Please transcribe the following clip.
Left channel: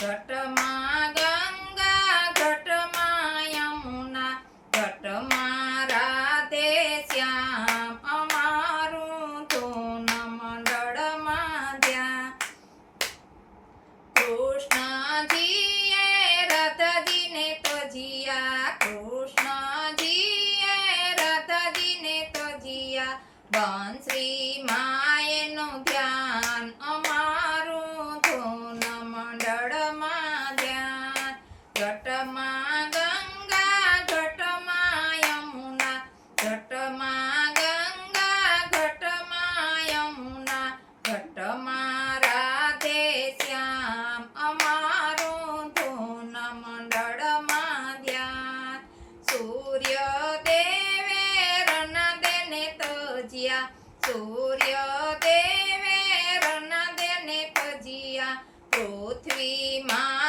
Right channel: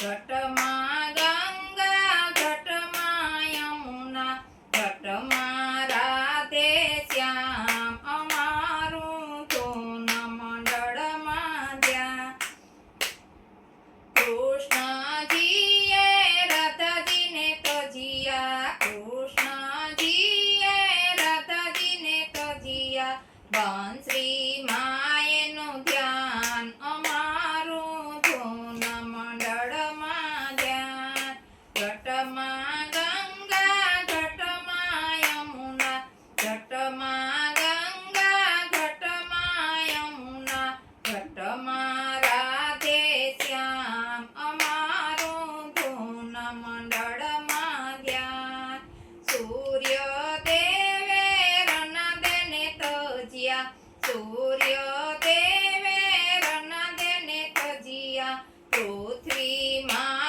ઘટમાં ગંગા ઘટમાં યમુના ઘટમાં રાધે શ્યામ અમારું ધૂન મંડળમાં ધ્યાન કૃષ્ણજીએ રથજીને તજિયા કૃષ્ણજીએ રથજીને તજિયા બંશ્રી માએનું ધ્યાન અમારું ધૂન મંડળમાં ધ્યાન ઘટમાં ગંગા ઘટમાં યમુના ઘટમાં ગંગા ઘટમાં યમુના ઘટમાં રાધે શ્યામ અમારું ધૂન મંડળમાં ધ્યાન સૂર્ય દેવે રણદેને તજિયા સૂર્ય દેવે રણદેને તજિયા પૃથ્વીમાં